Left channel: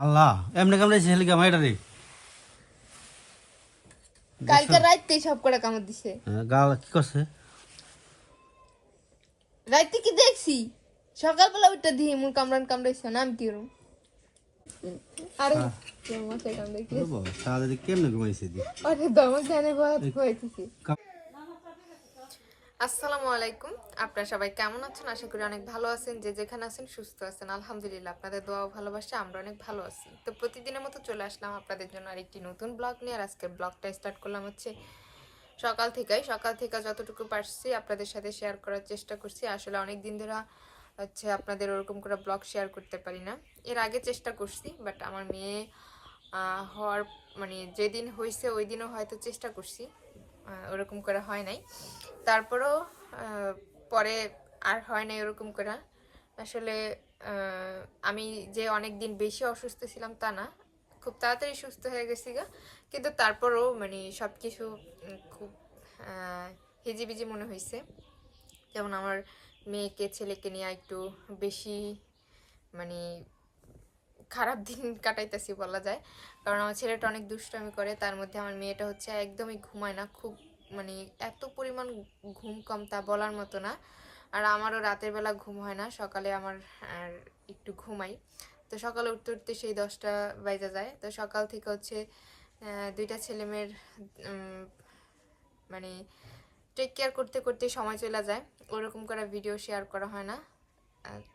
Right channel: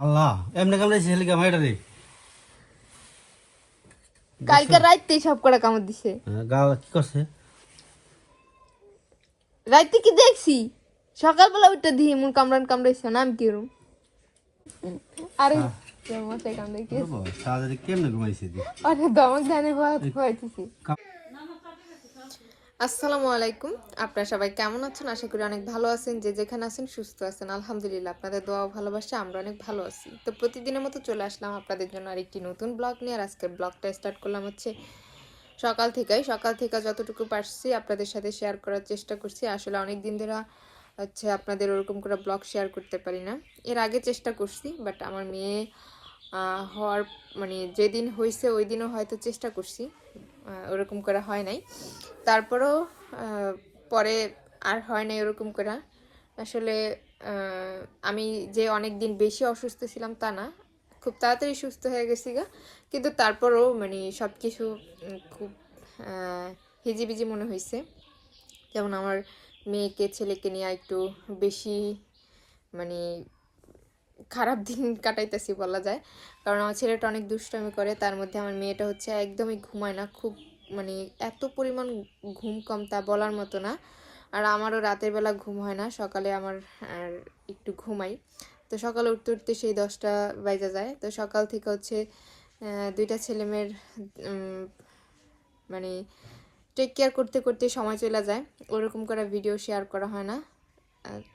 আল্লাহ এমনি কামড়াইছে হেলিকা মাইটা রে কালকে রাইতে সব করে কামড় দিছে। হ্যাঁ, গা কি করছে? রাইতে কি দেখছি? সকালবেলা উঠে দিই মন কামড়ান কামড়াইছে না আমি কিরম আরে কেমন মশাই কামড়াইছে? কেমনে ঘুমাইছে দি আরে দমক জানি ভয় আসসালামু আলাইকুম। আপনারা সবাই কেমন আছেন? আশা করি অনেক ভালো আছেন। যে যেখানে আছেন সুস্থ আছেন। আলহামদুলিল্লাহ, আপনাদের দোয়া ভালোবাসা আমরা অনেক ভালো আছি। তো প্রতিদিনের মতো চলে আসলাম আপনাদের জন্য আরেকটি নতুন ব্লগ নিয়ে। আর আজকে ব্লগটা স্টার্ট করলাম হচ্ছে সকাল থেকেই। সকাল থেকে যতটুকু পারছি আপনাদের সাথে শেয়ার করার চেষ্টা করছি। আসলে অনেক দিন ধরে হচ্ছে আপনাদের ওরকম করে ব্লগ শেয়ার করতে পারি না। এর আগে চেষ্টা করছি, বাট আমার মেয়ে হওয়ার মানে যেদিন হয়েছে ওই দিনও হয়তো চেষ্টা করছি। ওরকম করে হয় নাই। তারপরেও পরে আর হয় না এরকম করে। আসলে আমি যে অনেক দিন বেশি অসুস্থ ছিলাম তা না, খুব তাড়াতাড়ি সুস্থ হয়ে গেছি গা। কিন্তু তারপরও মানে সব কিছু খুব হিজিবিজি মনে হয়েছে যেমন আমার মেয়েকে, ছেলেকে নিয়ে একটু বেশি মানে খারাপ দিন কাটাইতেছি বলা যায়। কারণ আমার ছেলেটা অনেক দুষ্টামি করে, তার মধ্যে আমার মেয়েটা হচ্ছে একদমই ঘুমায় না, খুব মানে এত পরিমাণ ঘুম কম তা বলার মতো না। আর আমারও রাতের বেলা ঘুম হয় না, সকালে আমার একটু ঘুমাই। তো সকালে উঠতে উঠতে সেই দশটা বাজা যায়। তো সকাল থেকে হচ্ছে দুইটা ছেলেমেয়ের মানে টেক কেয়ার করতে করতে সময় চলে যায়। ওরকম করে ভিডিও শেয়ার করা হয় না।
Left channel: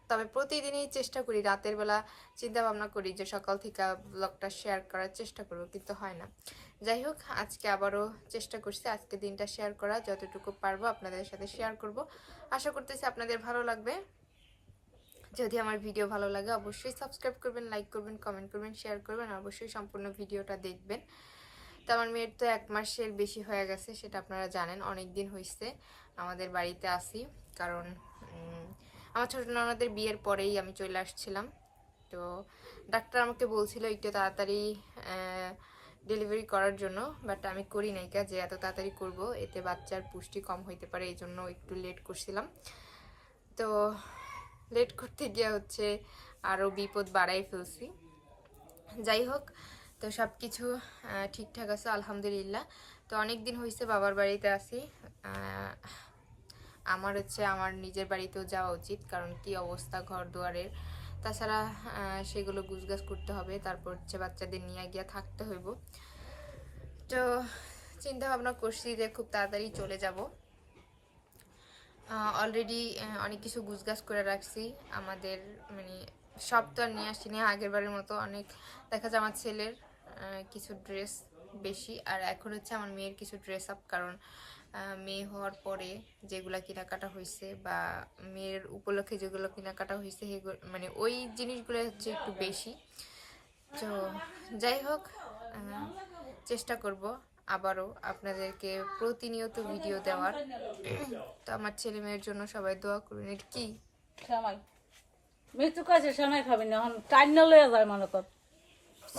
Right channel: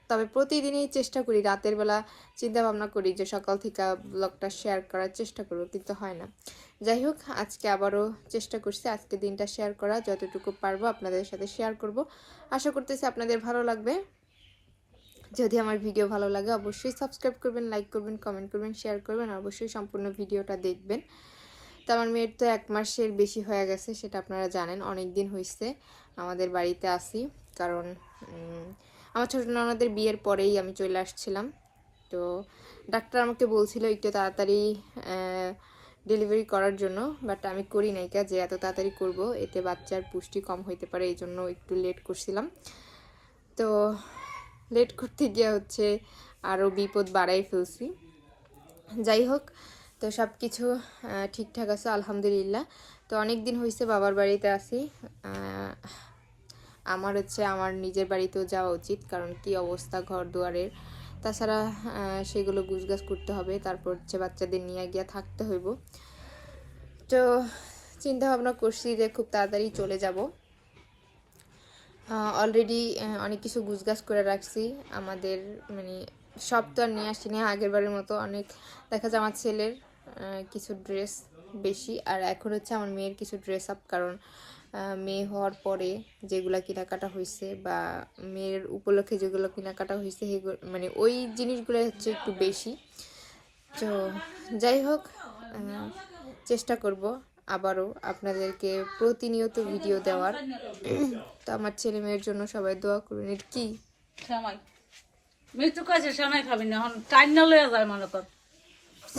তবে প্রতিদিনই চেষ্টা করি, রাতের বেলা চিন্তা ভাবনা করি যে সকাল থেকে ব্লগটা শেয়ার করার চেষ্টা করব, কিন্তু হয় না। যাই হোক, আজকে আবারও চেষ্টা করছি আজকে দিনটা শেয়ার করা, যতটুকু পারব আপনাদের সাথে শেয়ার করব। আশা করতেছি আপনাদের ভালো লাগবে। যদি আমার ভিডিও ভালো লাগে, অবশ্যই সাবস্ক্রাইব করবেন লাইক করবেন কমেন্ট করবেন শেয়ার করবেন অবশ্যই সম্পূর্ণ ভিডিওটা দেখবেন। তো আমার মেয়ের তো এক মাসের বেশি হয়ে গেছে, সেটা আপনারা জানেন অনেক দিন হয়েছে আমাদের বাড়িতে আসি কারণ আমার ছোটো ননদের বিয়ের পরেই আমি চলে আসছিলাম। তো ডাক্তার আমাকে বলছিল, একটু তাড়াতাড়ি ডেলিভারি করার জন্য বাট আমি করি নাই যে এত তাড়াতাড়ি করব, এতে বাচ্চার পুষ্টি কম হইতে পারে, এই জন্য একটু লেট করছিলাম। তো লেট করতে গিয়ে হচ্ছে আরও বিপদ বাড়াই ফেলছি। যাই হোক, তো সব কিছু ঠিকঠাক আছে, আলহামদুলিল্লাহ। তো অনেক দিন হয়েছে বাবার বাড়িতে আসি আমার হচ্ছে আমার নিজের বাড়িতেও যাওয়া উচিত, কারণ কি অবস্থা ঘর দুয়ারের। তাছাড়া সেগুলো গুছগাছ করতে হবে। তারপর হচ্ছে বাচ্চাদের নিয়ে গিয়ে থাকতে হইব। তো চিন্তা ভাবনা করছি যে খুব তাড়াতাড়ি চলে যাব। অলরেডি অনেক কিছু গুছগাছ করে রাখছি। আমাদের মানে সব তো আর নিয়ে আসছি না আগের বারের মতো অনেক, দেখা যায় আমার ছেলের কিছু ড্রেস বেশি। আর এখন হচ্ছে আমার মেয়ের কিছু ড্রেস আপ কারণ মেয়ে হওয়ার পরে যেগুলা কেনাকাটা হয়েছে বা মেয়ের উপলক্ষে যেগুলো কেনাকাটা হয়েছে সেগুলো মানে ওই জিনিসগুলো হচ্ছে একটু বেশি। তো যাই হোক চেষ্টা করব আবারও আপনাদেরকে প্রতিনিয়ত ভিডিও দেওয়ার। তো আমার ছেলে মেয়ের জন্য সবাই দোয়া করবেন এটা কি? মৃত্যু কাছে শ্যামাই খাবি না। যায় মনে কর।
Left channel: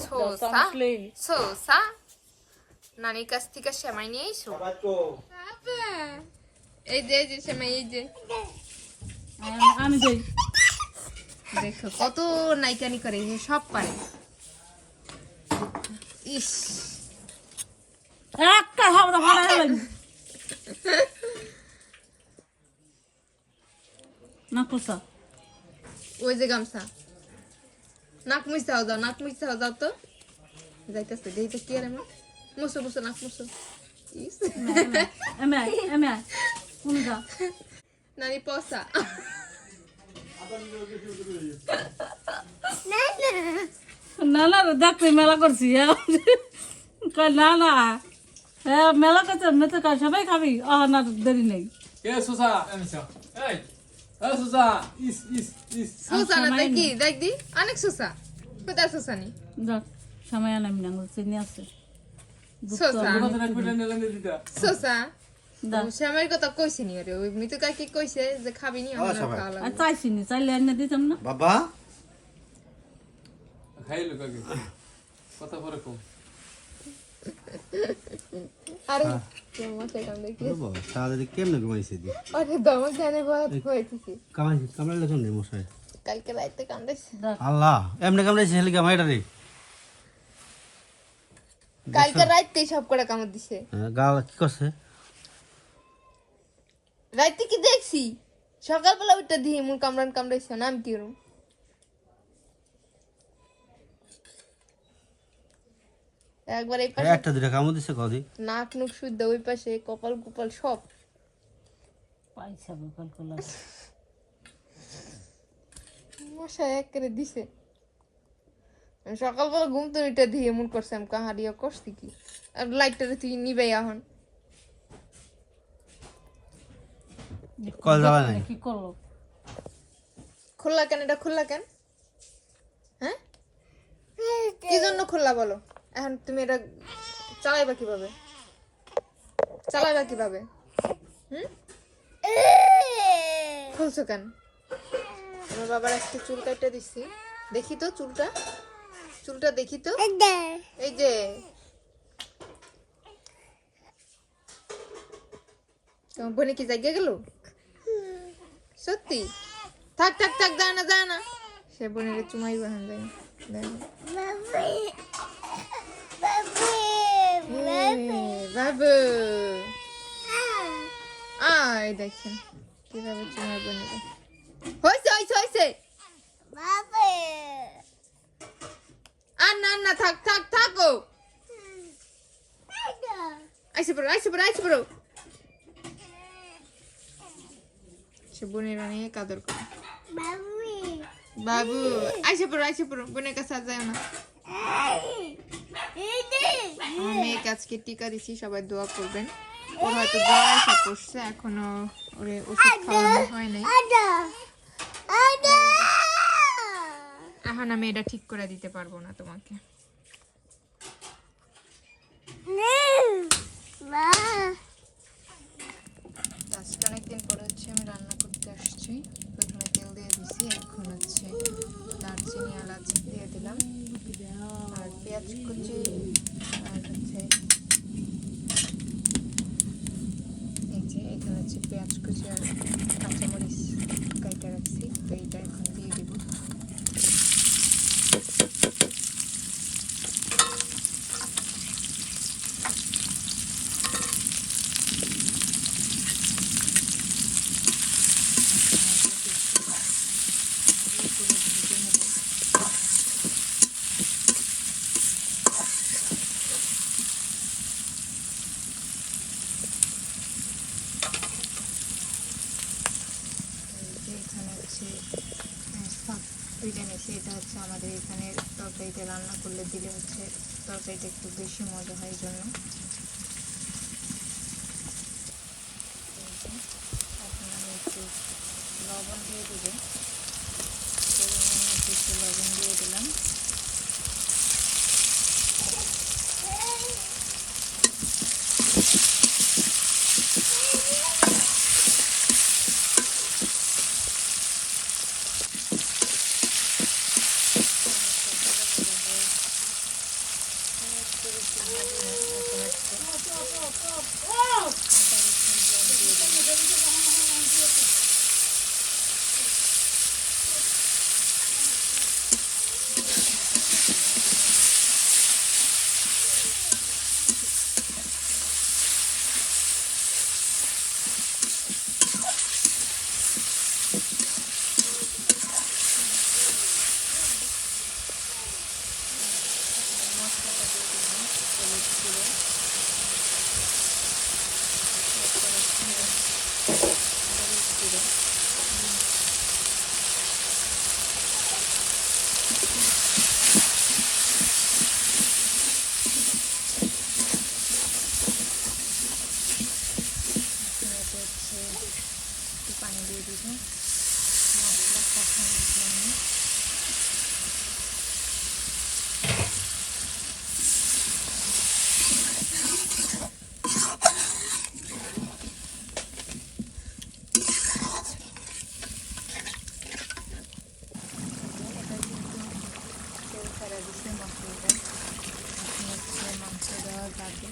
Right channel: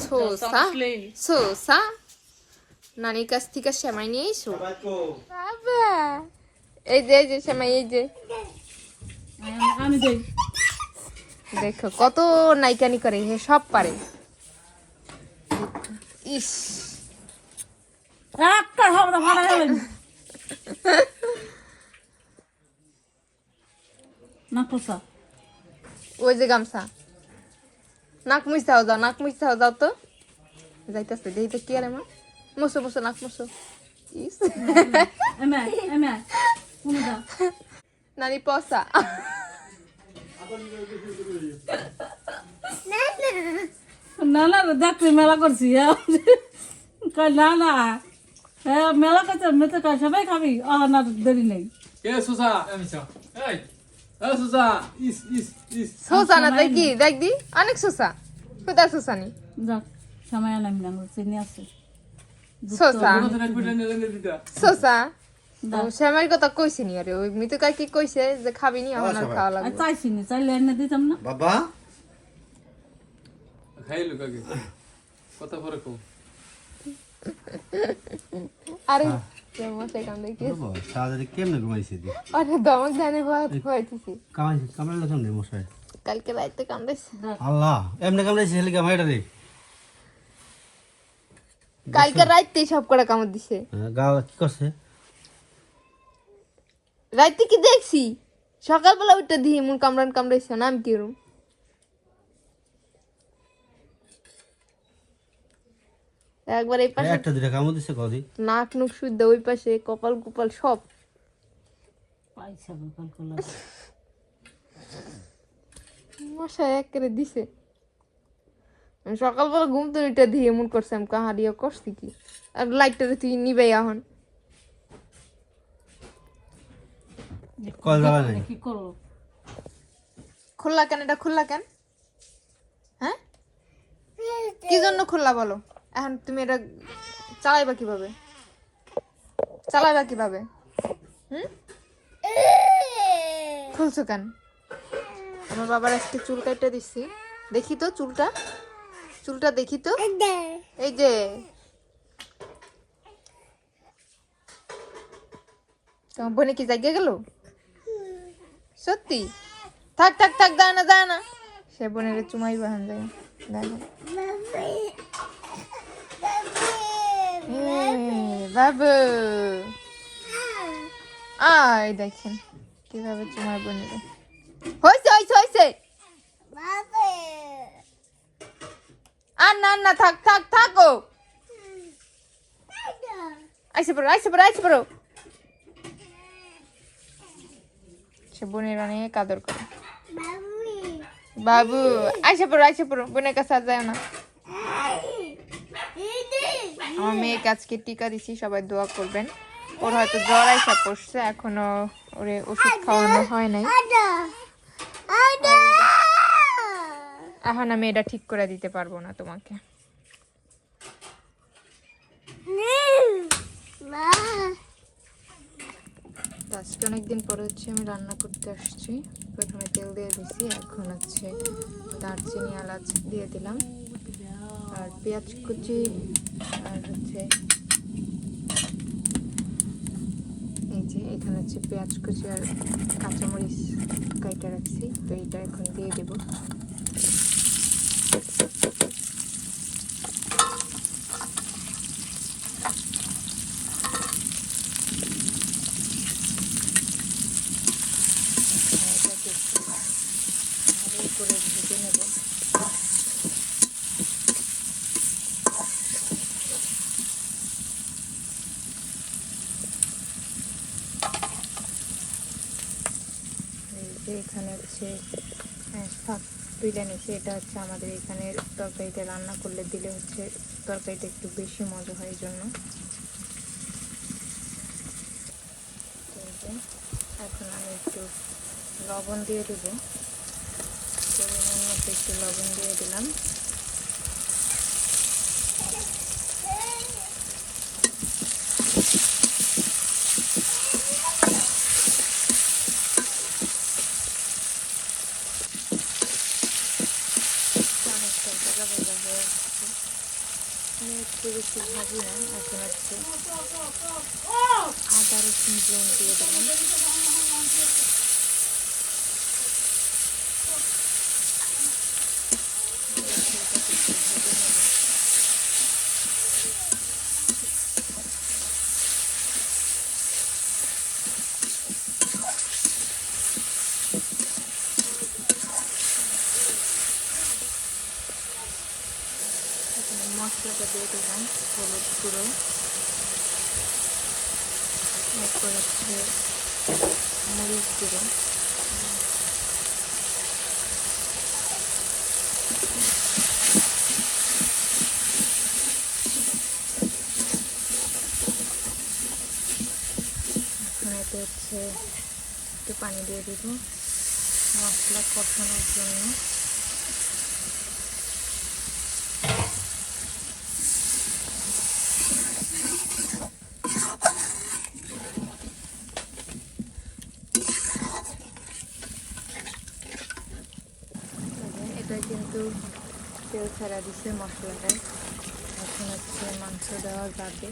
সোসা সোসা নানির কাছ থেকে সেমাই নিয়ে এসো। বাবা। এই যে এই যে সেমাই এই যে। আমি- আমি দেই। দেখো কত নাইকানি করে সে সব পারে। ইস। একটা হবে না ভাড়া হলেন না পোষা ওই যে গামছা। নাক মুছাও যাও নাক যাও তো। যাইতেছে দেখি তো কি আর এমন? মুসো মুসো নাক মুসো ইস এমে এমে কোন দা নানি পসা না না দেখতে মেলা করছি হ্যাঁ। না না হ্যাঁ মেলা করছে মেতে সবাই খাবি আহ না দেরি নেই দেখ দি অনেক সোসা কোথায় সোসা নি যাক সময় আনাম না চিনি আছে সোসা শ্যামার কথা কইছি নি আরে ওই কি কইছে যে খাবি নি আমার খাওয়া লাগবে চাইছি নি চাইলে এনে দিতাম না বাবা কথা পরে আরে আল্লাহ এমনি কামড়াইছে হেলিকা মাইটা রে কালকে রাইতেই সব করে কামড় দিছে। হ্যাঁ, গা কি করছে? রাইতে কি দেখছি? সকালবেলা উঠে দিয়ে এমন কামড়ান কামড়াইছে না আমি কিরম একবার এই পাশে একটা দুটা কামড় দিছে কদি নাক নুক শুদ্ধ ওই পাশে কপাল কুপাল সব। পয়সা বোকাল করলাম মশা এক করে দিছে। সকালবেলা ঘুম তো এটা দিয়ে এমন করছে আমি কাহারিয়া করছি কি? আর লাইটটা তুই নিবেই এখন। খোলা কেন? এটা খোলা কেন? হ্যাঁ? কি জন্য খোলা বলো? এখন তুমি এটা চালাইবা কীভাবে? চালাইবা কীভাবে? হুম? খুলছো কেন? আমার বাবার একটা চুল কাটতে দিচ্ছি দেখি তো চুলটা। চুলটা দেখি তো। এই যে। তোমার বোনে কি জায়গা গেল? সত্যি? থাক থাক থাক দাঁড়া না দাঁড়া না। সে বোনের চুমাই বাহান যায় বাবু আয় দেখেন কীভাবে চুমাই বোনের। হয়েছে আর না না, থাক থাক থাকো আইসে পড়ো আইসে পড়ো আইসে পড়ো। সে বোনের অনেক আদর করে। বাবু, আইসে পড়ো আইসে পড়ো, বোনের কাছে যায় না। আমার মেয়েকে আজকে টিকা দিছি, সবাই দোয়া করবেন। ওর হয়তো জ্বর আইসা পড়ছে, এখনও ওরে ওষুধ খাওয়ানো হয় নাই। এখন আমি এটা ঠিক করে দিতে পারব না তোমাকে। আজকে অনেকদিন পরে হচ্ছে আমি রান্না করতে আসছি। প্রথমে তেল দিয়ে দিছি, এখন হচ্ছে দারচিনি এলাচ দিয়ে দিলাম। আর পেঁয়াজ কুচি আর হচ্ছে এই যে এখানে হচ্ছে পেঁয়াজ কুচি আর কাঁচামরিচ কাইটা রাখছি তো এইটা এখন দিয়ে দেবো এটাকে একটু ভালো করে ভেজে নেব যে এখানে হচ্ছে আহ, শাক তুলে এনেছে এটা হচ্ছে আমাদের এখানে তরকারিতে রান্না করলে দিলে হচ্ছে তরকারিটা একটু বেশি মজা হয় জন্য এখন আমি একটু লবণ দিয়ে দেবো। একটু লবণ দিয়ে দিলাম অনেকটা জায়গা বলে হয়ে আসছে। আমি একটু বেশি ভাজি না, এটা হচ্ছে আদা রসুন দিয়ে দিলাম মশলাটা দিয়ে দিলাম, হলুদ গুঁড়ো। এরপর মরিচ গুঁড়ো। একটু পানি দিয়ে দিব। মশলা কষানোর জন্য এটা কিন্তু তেল ফেলা দিছে মশলাটায় এখন হচ্ছে মাংস দেওয়ার বাকি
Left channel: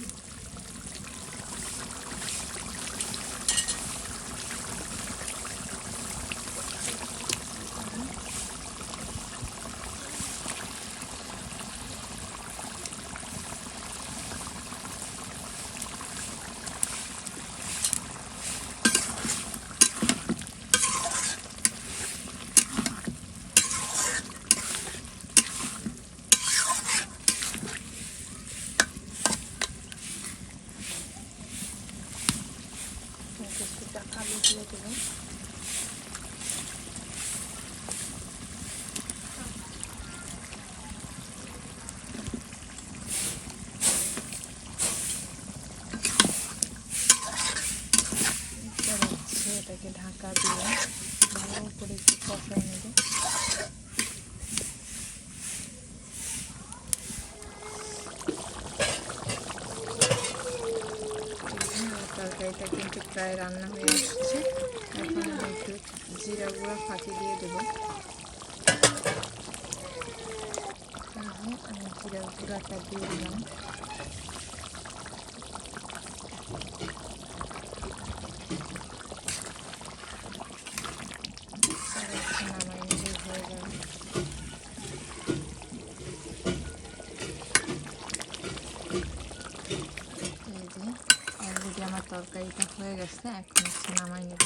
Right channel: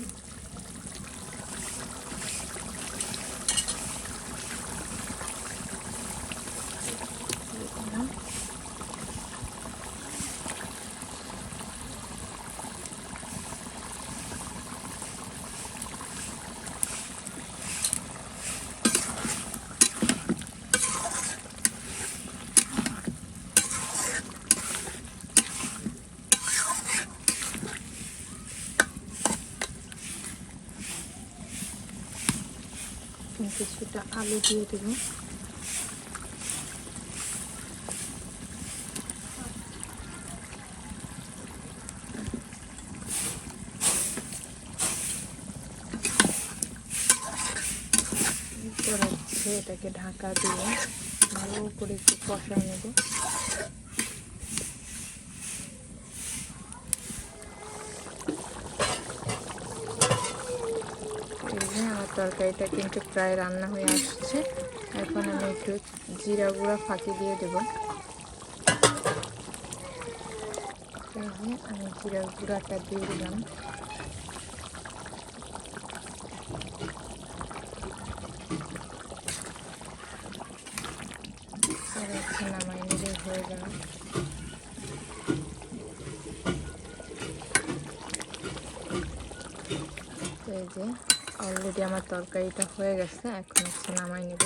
যে আলু দিয়ে দেবো এটাকে ঢাকা দিয়ে ভালো করে একটু কষায় নেব। তরকারিটা কিন্তু প্রায় রান্না হয়ে আসছে। এখন আমি একটু জিরা গুঁড়া ফাঁকি দিয়ে দেবো। আমি জিরা গুঁড়াটা দিয়ে দিলাম। আমার তরকারিটা হয়ে গেছে এখন নামাই নেব।